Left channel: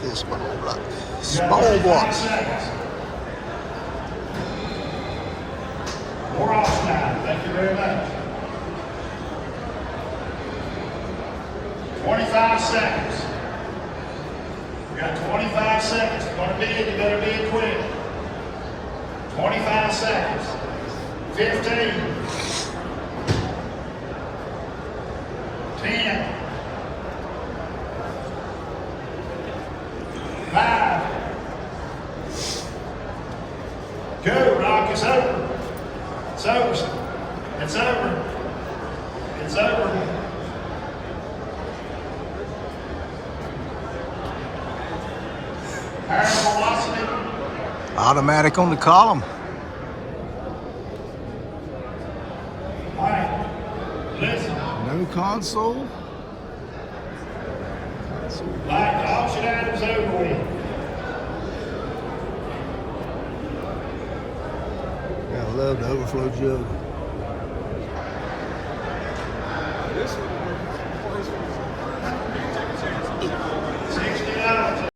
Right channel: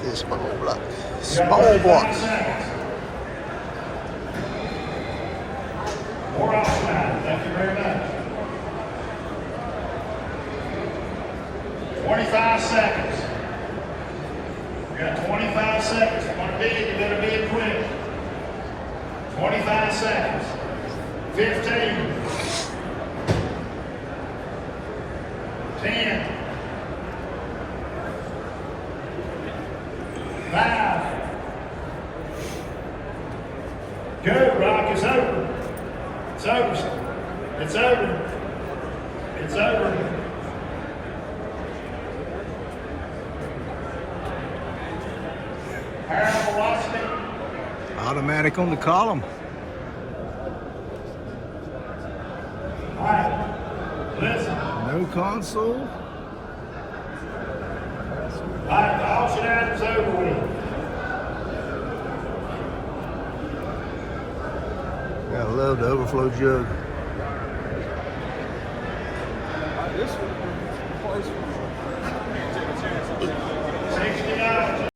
at this small block. Small block. More outside. Thank you very much. 25 seconds. You got 25 seconds. If you want to bid, you better bid quick. 25 seconds. 15. 10. 5. Go, Rock. It's over. It's over. It's over. It's over. Higher velocity. Automatic on the column. All right. Listen. No console. All right, the auction item's over with. Gotta love the overflow jug. $60.